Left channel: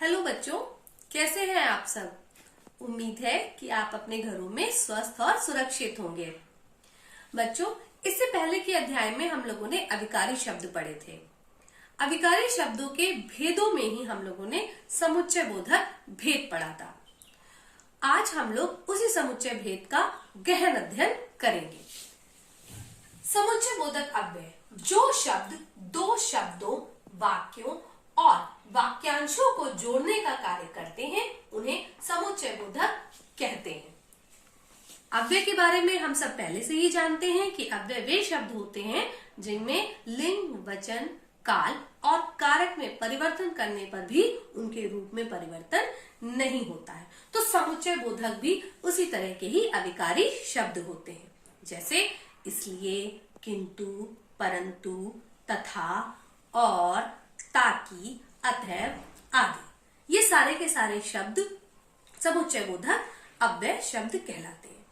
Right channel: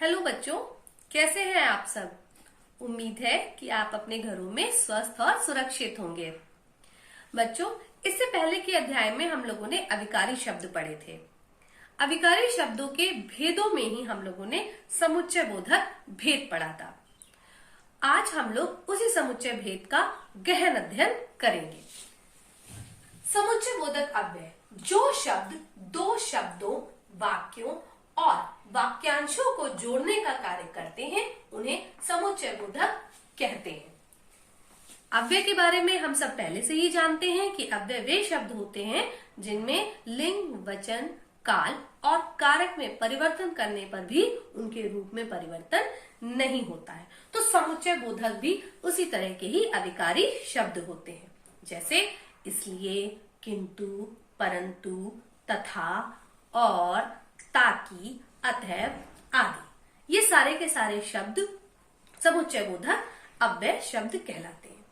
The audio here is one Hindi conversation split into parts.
हेलो बच्चों, कैसे हैं आप सब। उम्मीद है कि आप अपने घरों में स्वस्थ और सुरक्षित होंगे। बच्चों, इससे पहले के अध्याय में हम लोगों ने अविकारी शब्द पढ़े थे। अविकारी शब्दों के भेदों में ही हम लोगों ने समुच्चय बोधक भेद पढ़ा था। आज हम लोग उसी समुच्चय भेद का गहन अध्ययन करेंगे। समुच्चय बोधक अव्यय जो शब्द दो शब्दों, वाक्यों और वाक्यांशों को जोड़ने का कार्य करते हैं उन्हें समुच्चय बोधक कहते हैं। अव्यय के बारे में हम सब पहले से ही जानते हैं कि अव्यय वे शब्द होते हैं जिनमें लिंग, वचन, काल और कारक में परिवर्तन करने पर भी उनके रूप में परिवर्तन नहीं होता है। तो समुच्चय बोधक भी उसी तरह के ही अविकारी शब्द होते हैं, जैसे इसलिए, किंतु, परंतु, तथा, और, ताकि, अतएव आदि। ये सारे के सारे शब्द समुच्चय बोधक अव्यय शब्द कहलाते हैं।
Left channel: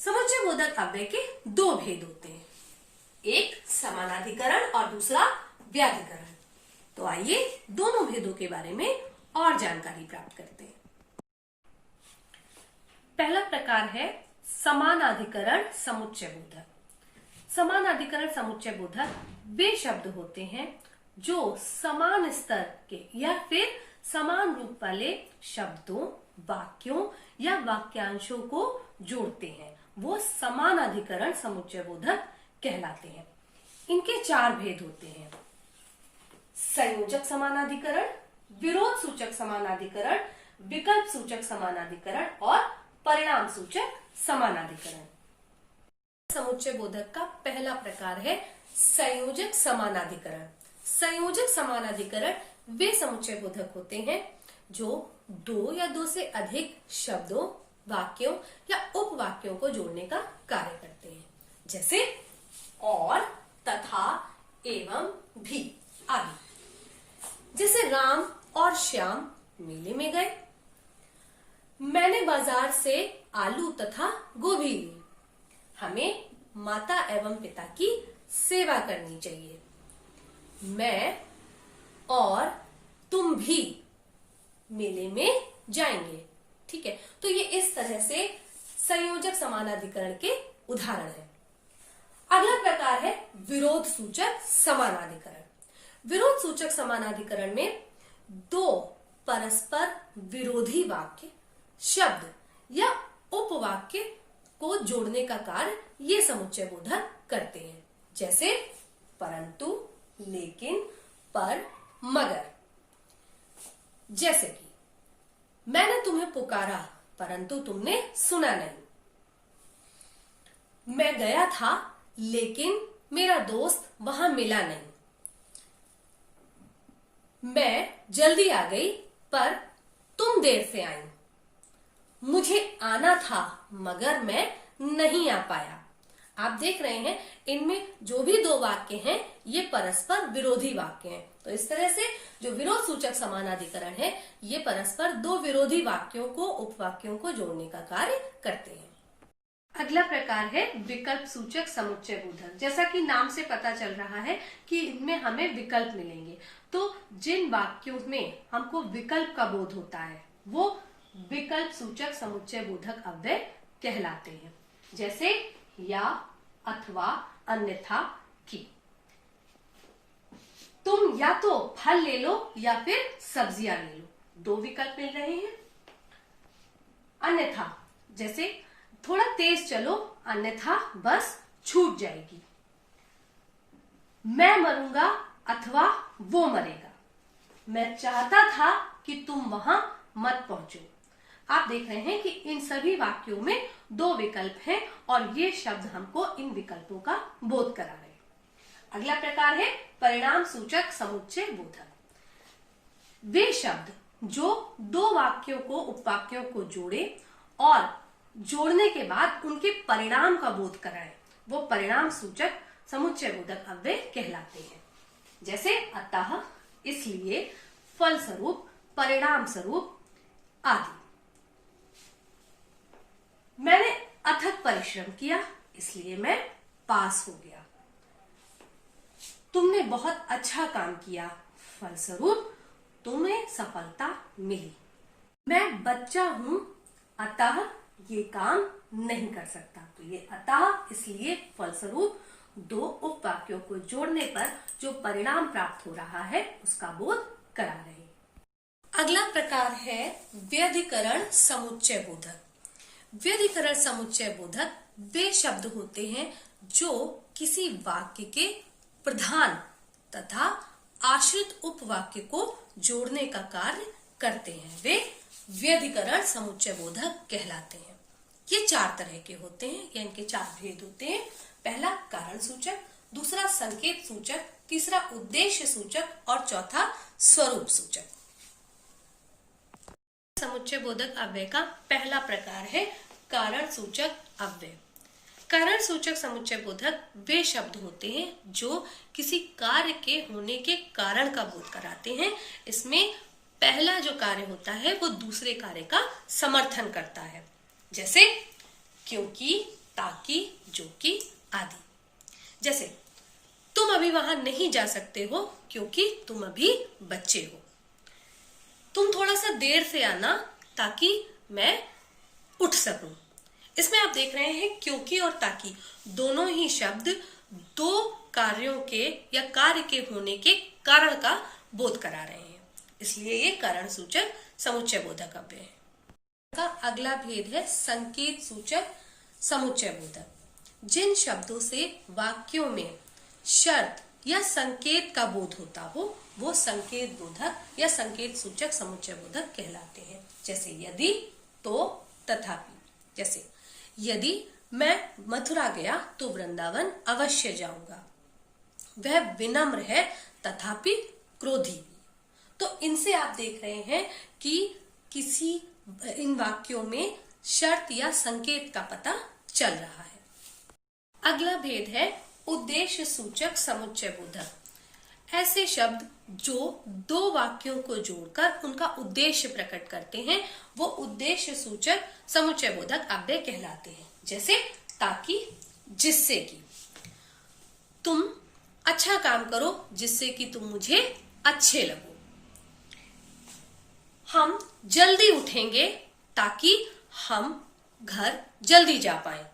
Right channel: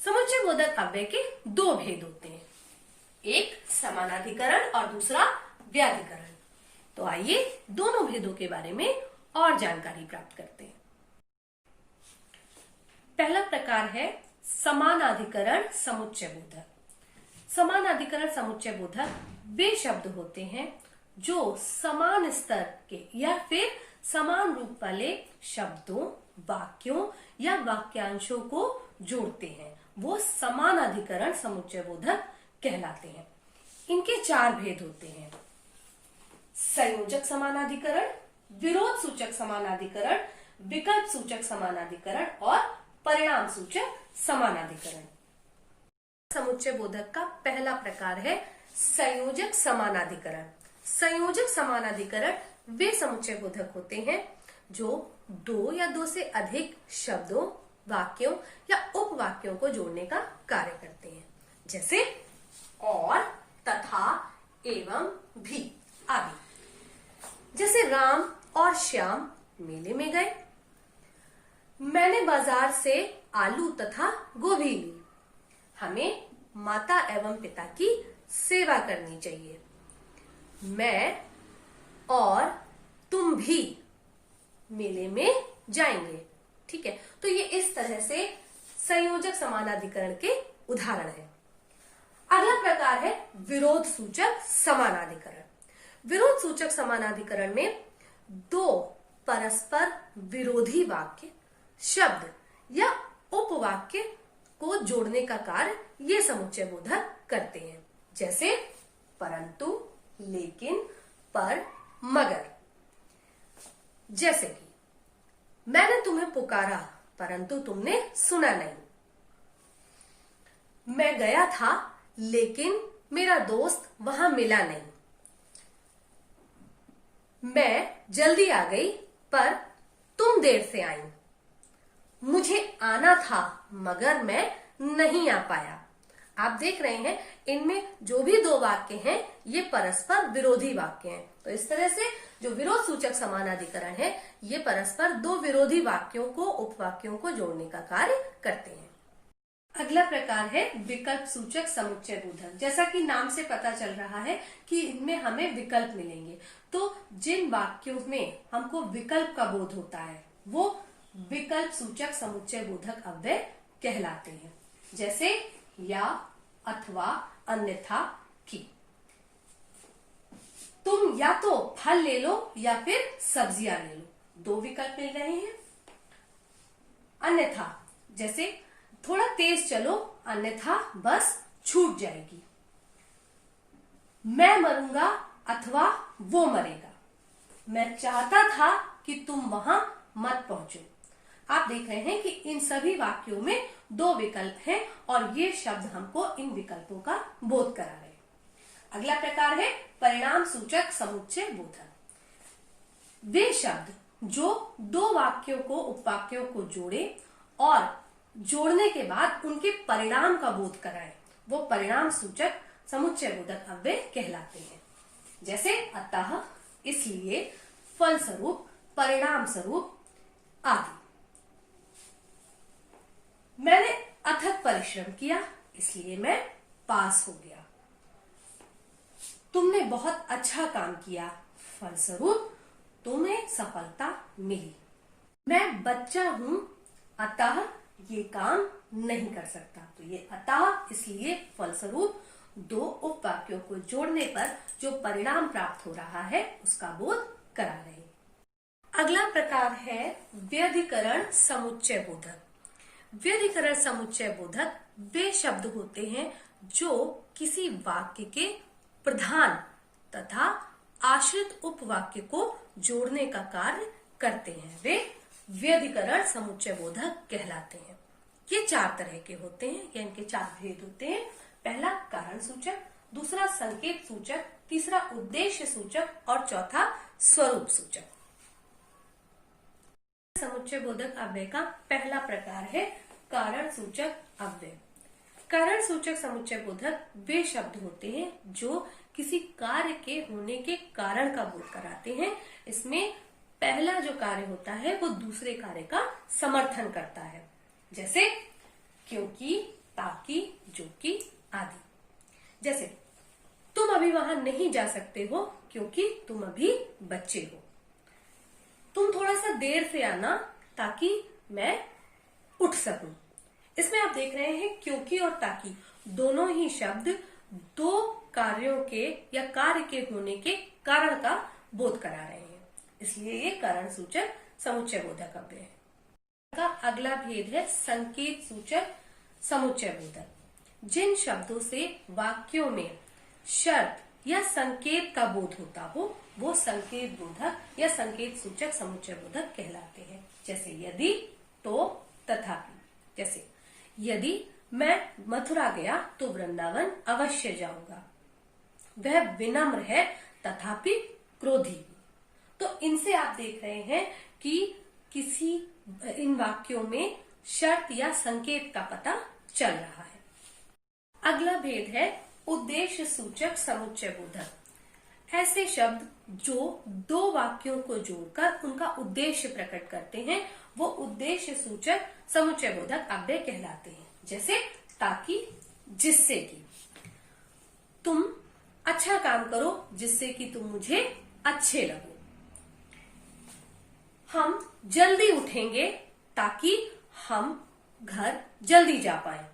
समुच्चय बोधक अव्यय के दो भेद होते हैं, एक समानाधिकरण और दूसरा व्याधिकरण। तो आइए दोनों भेदों के बारे में और जानकारी प्राप्त करते हैं। पहला प्रकार है समानाधिकरण समुच्चय बोधक। समानाधिकरण समुच्चय बोधक वे शब्द होते हैं जो समान स्तर के या फिर समान रूप वाले शब्दों, वाक्यों या वाक्यांशों को जोड़ते हैं। वो समानाधिकरण समुच्चय बोधक कहलाते हैं। इनके चार भेद होते हैं, संयोजक समानाधिकरण, विरोध सूचक समानाधिकरण, विकल्प सूचक समानाधिकरण और परिणाम सूचक समानाधिकरण। समुच्चय बोधक का पहला प्रकार है संयोजक समानाधिकरण। संयोजक समानाधिकरण वे समुच्चय बोधक होते हैं जो दो या दो से अधिक शब्दों, वाक्यों या उपवाक्यों को जोड़ने का कार्य करते हैं, जैसे और, तथा, एवं, भी आदि। जैसे राम और श्याम मेले में गए, मैंने बाजार से आलू तथा गोभी ली। हमें माता एवं पिता की सेवा करनी चाहिए। मैं और तुम भी मेले में जाएंगे। ठीक है, तो ये इस तरह से संयोजक समानाधिकरण के उदाहरण हैं। अगला प्रकार है विरोध सूचक समानाधिकरण। विरोध सूचक समानाधिकरण में दो परस्पर विरोधी वाक्य, शब्द या उपवाक्य को जोड़ने का कार्य ये समुच्चय बोधक करते हैं, जैसे परंतु, लेकिन, पर, मगर। जैसे कि मैंने तुम्हें पुकारा परंतु तुमने सुना नहीं। मैं गया था लेकिन मेरा दोस्त वहां मिला नहीं। मैं जल्दी आ गई पर तुम देर से आई। मुझे आना था मगर मैं नहीं आ पाया। आप देख रहे हैं इनमें जो भी दो वाक्य हैं ये परस्पर विरोधी वाक्य हैं। तो इस तरह से जो विरोध सूचक समानाधिकरण है ये परस्पर दो विरोधी वाक्यों को, उपवाक्यों को जोड़ने का कार्य करते हैं। अगला प्रकार है विकल्प सूचक समुच्चय बोधक। जैसा कि नाम से पता चल रहा है कि इनमें हमें विकल्प मिलेंगे, तो जिन वाक्यों में हमको विकल्प का बोध होता है वो विकल्प सूचक समुच्चय बोधक अव्यय कहलाते हैं, जैसे या, अथवा, अन्यथा, की। तुम या तो फल ले लो या फिर सब्जियां ले लो, दो विकल्प मिल रहे हैं। अन्यथा, जैसे थोड़ा तेज चलो अन्यथा बस छूट जाएगी। मैं मरूंगा अथवा वो मरेगा। मैं चाहता था कि तुम वहां मत पहुंचो। आप देख रहे हैं कि इन सभी वाक्यों में दो विकल्प हैं और ये शब्द हमको इन विकल्पों का बोध करा रहे हैं। अगला प्रकार है परिणाम सूचक समुच्चय बोधक। वे शब्द जो दो वाक्यों को, उपवाक्यों को जोड़े और जोड़ने के बाद उनके परिणाम का बोध कराए, वो परिणाम सूचक समुच्चय बोधक अव्यय कहलाते हैं, जैसे अतः, इसलिए, फलस्वरूप, परिणाम स्वरूप आदि। मैंने अथक परिश्रम किया इसलिए मैं पास हो गया। तुमने बहुत अच्छा काम किया, फलस्वरूप तुम्हें सफलता मिली। मैं बच्चा हूं अतः ये काम नहीं कर सकता। तो ये अतः इसलिए फलस्वरूप दो उपवाक्यों को जोड़ने पर जो परिणाम प्राप्त हो रहा है उसका बोध करा रहे हैं। अगला प्रकार है व्यधिकरण समुच्चय बोधक। व्यधिकरण समुच्चय बोधक वे शब्द होते हैं जो किसी वाक्य के प्रधान तथा आश्रित उपवाक्य को जोड़ने का कार्य करते हैं। वे व्यधिकरण समुच्चय बोधक कहलाते हैं। ये चार तरह के होते हैं, या इनके चार भेद होते हैं। पहला कारण सूचक, दूसरा संकेत सूचक, तीसरा उद्देश्य सूचक और चौथा स्वरूप सूचक। समुच्चय बोधक अव्यय का पहला प्रकार है कारण सूचक अव्यय। कारण सूचक समुच्चय बोधक वे शब्द होते हैं जो किसी कार्य के होने के कारण का बोध कराते हैं। इसमें पहला जो कार्य होता है वो दूसरे कार्य का समर्थन करता है, जैसे क्योंकि, ताकि, जो कि आदि। जैसे तुम अभी वहां नहीं जा सकते हो क्योंकि तुम अभी बच्चे हो। तुम थोड़ा सा देर से आना ताकि मैं उठ सकूं। इसमें आप देख रहे हैं क्योंकि और ताकि दोनों ही शब्द दो कार्यों के या कार्य के होने के कारण का बोध करा रहे हैं, इसलिए ये कारण सूचक समुच्चय बोधक अव्यय है। का अगला भेद है संकेत सूचक समुच्चय बोधक। जिन शब्दों से वाक्यों में शर्त या संकेत का बोध होता हो वो संकेत बोधक या संकेत सूचक समुच्चय बोधक कहलाते हैं। जैसे यदि, तो, तथापि। जैसे यदि मैं मथुरा गया तो वृंदावन अवश्य जाऊंगा। वह विनम्र है तथापि क्रोधी। तो इनसे आप देख रहे हैं कि किसी इन वाक्यों में शर्त या संकेत का पता चल रहा है। अगला भेद है उद्देश्य सूचक समुच्चय बोधक। ऐसे शब्द जो दो वाक्यों को जोड़कर उनका उद्देश्य प्रकट करते हैं वो उद्देश्य सूचक समुच्चय बोधक अव्यय कहलाते हैं। जैसे ताकि, जिससे कि। तुम अच्छा काम करो जिससे कि तुम मुझे अच्छे लगो। हम जल्दी उठेंगे ताकि हम घर जल्दी जा पाए।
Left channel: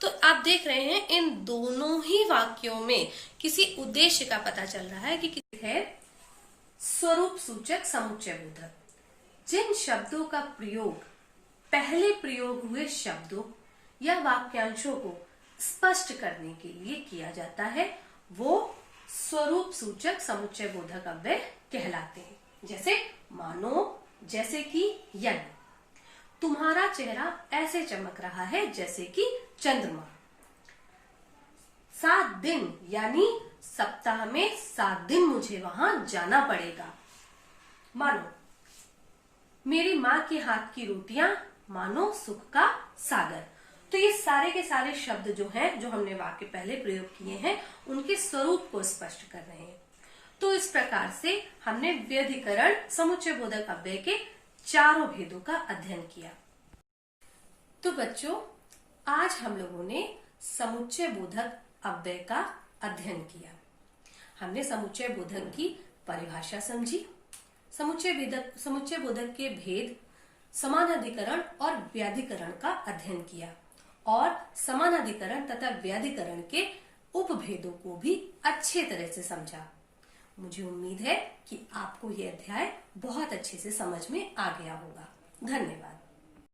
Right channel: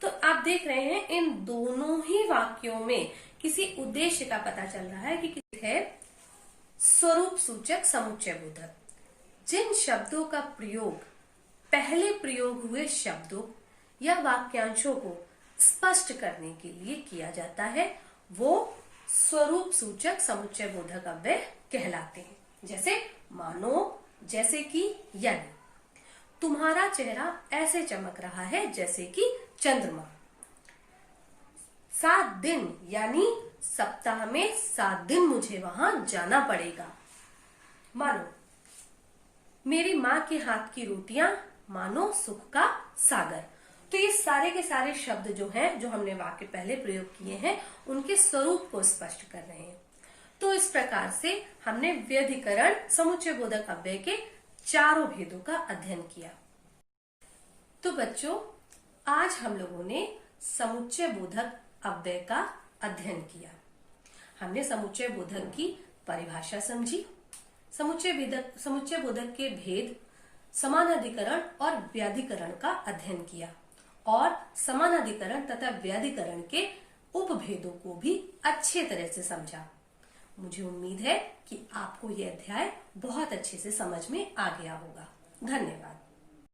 तो आप देख रहे हैं इन दोनों ही वाक्यों में किसी उद्देश्य का पता चल रहा है कि है स्वरूप सूचक समुच्चय बोधक। जिन शब्दों का प्रयोग पहले प्रयोग हुए शब्दों या वाक्यांशों को स्पष्ट करने के लिए किया जाता है वो स्वरूप सूचक समुच्चय बोधक अव्यय कहलाते हैं। जैसे मानो, जैसे कि, यदि। तुम्हारा चेहरा ऐसे चमक रहा है जैसे कि चंद्रमा। 7 दिन यानी सप्ताह में 7 दिन मुझे वहां जाना पड़ेगा। मानो मेरी माँ के हाथ की रोटियां मानो सुख का सागर। तो ये सारे के सारे शब्द जो हैं जो हमने वाक्य पहले प्रयोग किए हैं उनके स्वरूप को स्पष्ट कर रहे हैं। तो इस प्रकार से हमने व्यधिकरण समुच्चय बोधक अव्यय के चारों भेदों का अध्ययन किया। तो बच्चों आज हम लोगों ने समुच्चय बोधक अव्यय का अध्ययन किया। हमने समुच्चय बोधक की परिभाषा समझी, समुच्चय बोधक के भेद, समानाधिकरण और व्याधिकरण का अध्ययन किया और समानाधिकरण तथा व्याधिकरण के उपभेदों को भी अच्छे तरह से समझा। मुझे उम्मीद है कि आपको यह अध्याय बहुत अच्छे से समझ में आ गया होगा। धन्यवाद।